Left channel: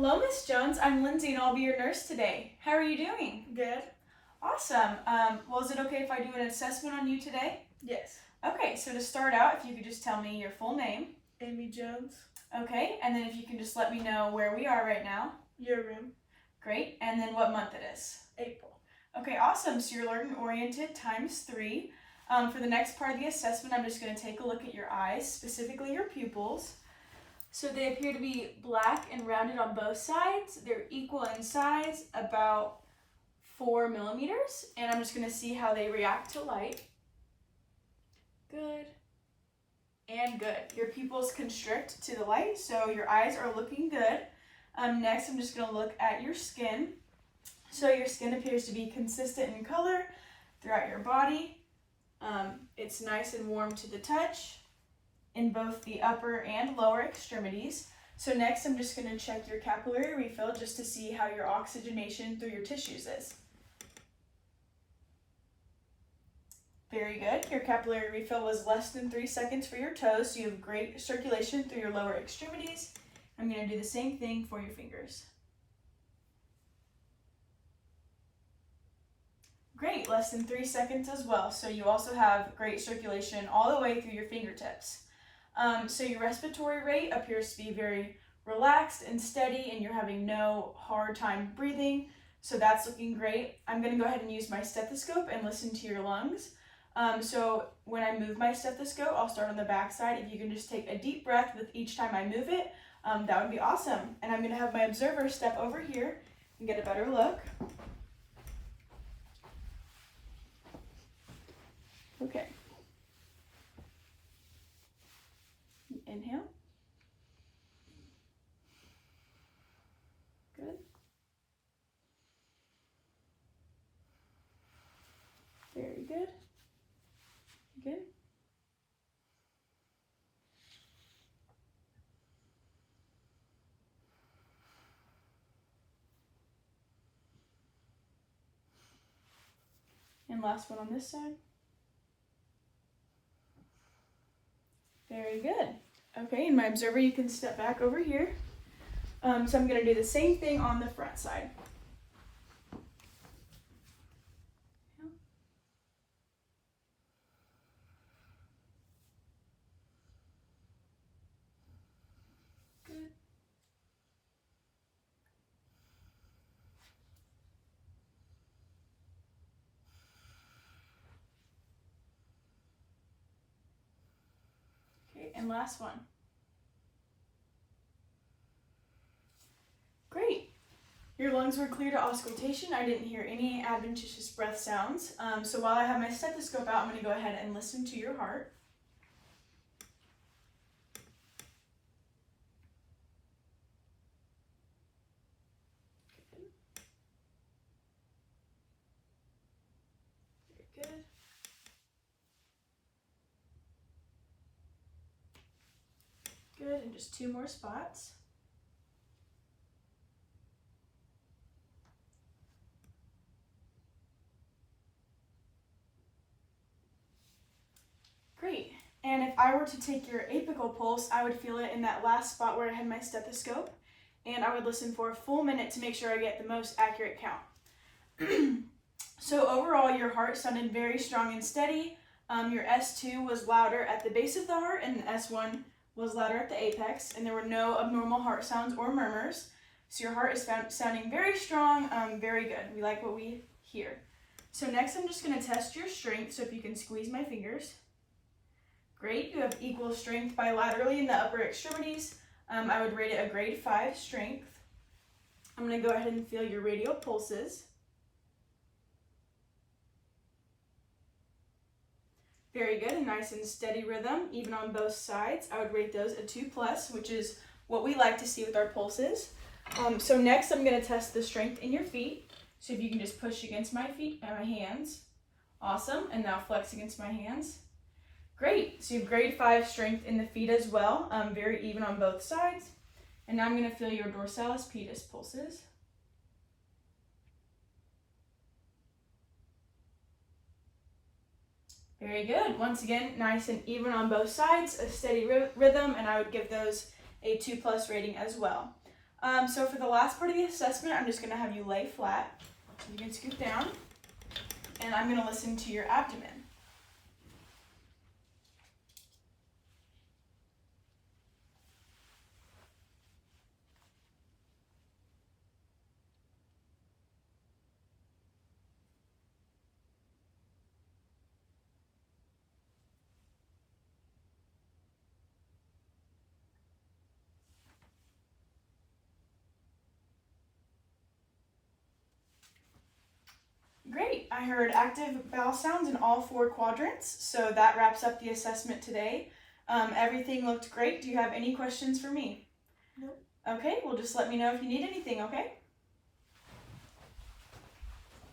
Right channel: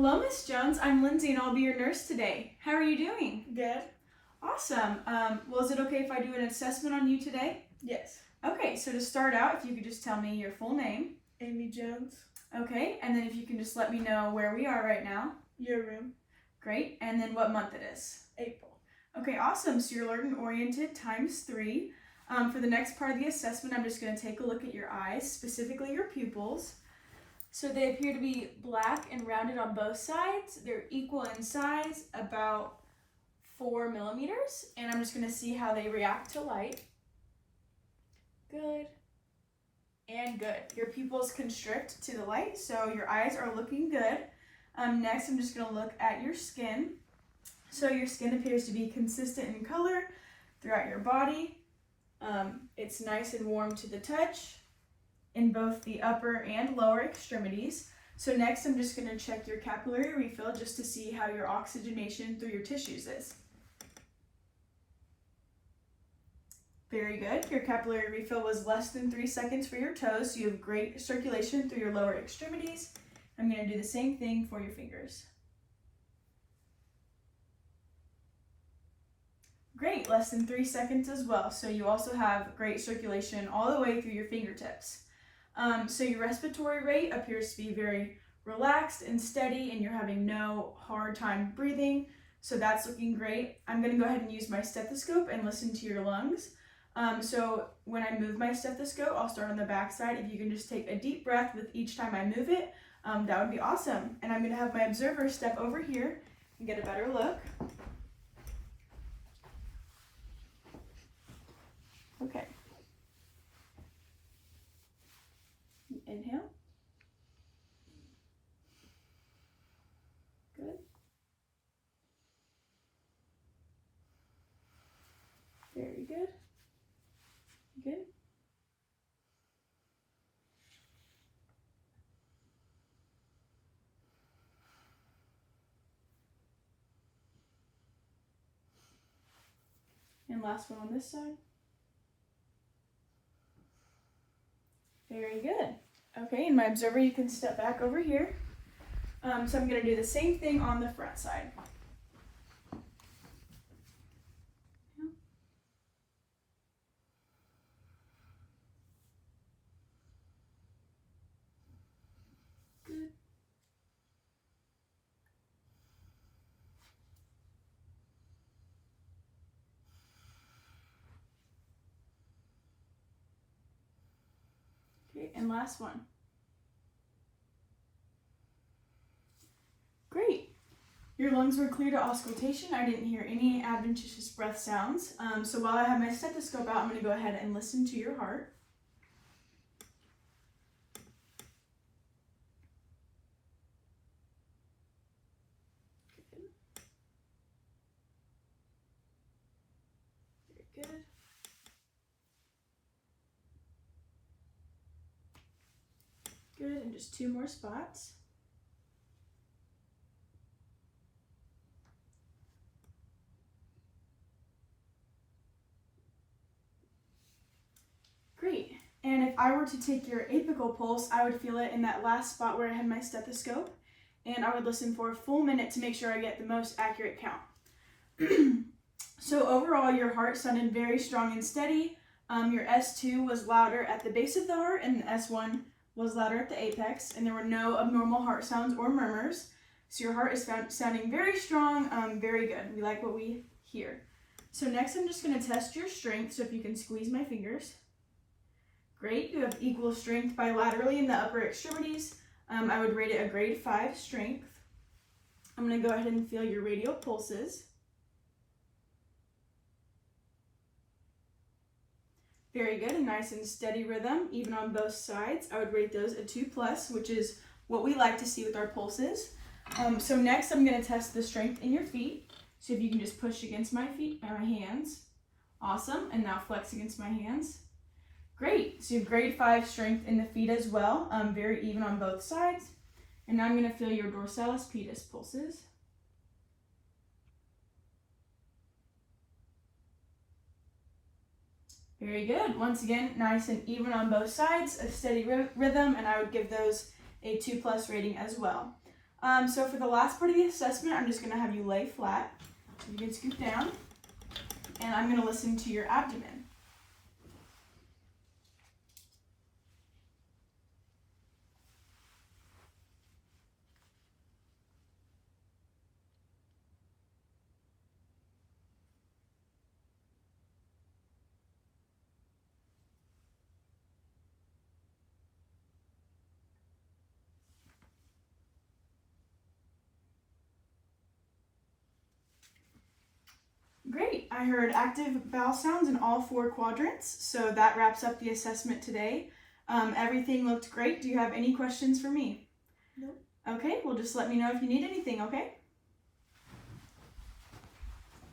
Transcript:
Hello, Miss Jones. I'm Lindsay and I'll be your nurse today. How are you doing? Good. Awesome. Well, is it okay if I do an assessment on you today? Yes. Okay, so to start out, if you could just tell me your full name. Amy Jones. Okay, and then if you can just let me know where we are right now. Your room. Great, and then what month it is. April. Okay, awesome. So you're learning-oriented times 3. For the next part of the assessment, I'm just going to take a look at your eyes, specifically your pupils. So they appear to be black and rounded on both sides. They're equal in size, about 4 millimeters. And I'm just going to see how they react to light. Good. And good. Your pupils constrict to the light, so your eyes are looking good. Next, I'm just going to look at your skin. So your skin appears to be consistent in color throughout your body. It's nice and warm to the touch in both the upper and lower extremities. So next I'm just going to check your capillary refill just to see how your oxygenation through your tissues is. Very good. Your capillary refill was less than 3 seconds for your toes, so you have great circulation through your lower extremities. I'm going to do the same thing for your fingers. Great, less than 3 seconds as well. So you also have great circulation all the way through your fingertips. So your respiratory rate appears to be very relaxed and steady, and you're having no hard time breathing. So that's looking great. I'm going to go ahead and use my stethoscope and listen to your lungs. So when I move my stethoscope, I'll start on the back side. If you can just take a deep breath with each time I move it, that would be awesome. And I'm going to have my observer step over here and get a better look. Okay. Inhale. Good. Very good. Good. And last one on this side. Very good. Okay, and my observer, you can step back over here. So I'm going to do the same thing on the front side. Good. Okay, and last one. Great. Your lungs were clear to auscultation. I didn't hear any adventitious breath sounds. So while I have my stethoscope out, I'm going to go ahead and listen to your heart. Good. Very good. Good, and just 2 more spots. Great. And if I were to take your apical pulse, I would feel it in that last spot where I had my stethoscope, and I would listen for a full minute to make sure I get the most accurate count. So overall, your heart sounded very strong and steady. Your S2 was louder at the base of the heart, and the S1 was louder at the apex, and there were no abnormal heart sounds or murmurs. So your heart is sounding very strong, very good. We like what we hear. So next I'm just going to test your strength, so if you can squeeze my fingers. Great, you have equal strength bilaterally in the upper extremities. I would rate it a grade 5 strength. I'm going to go ahead and feel your radial pulses. Very good, a nice and steady rhythm, even on both sides. I would rate those a 2+, which is what we like to see with our pulses. So next I'm going to test the strength in your feet. So if you can just push against my feet and my hands. Awesome, and now flex against my hands. Great, so you have grade 5 strength in the feet as well, very even on both sides. And now I'm going to feel your dorsalis pedis pulses. Very good. Once again, nice and even on both sides, a steady rhythm, and I would give those a 2+ rating as well. So for the last part of the assessment, I'm just going to have you lay flat. So you can scoot down, and I'm going to listen to your abdomen. Great, I heard active bowel sounds in all 4 quadrants, so that wraps up the assessment today. Everything looked great. Do you have any questions for me? Nope. Okay, well just let me know if you need anything, okay?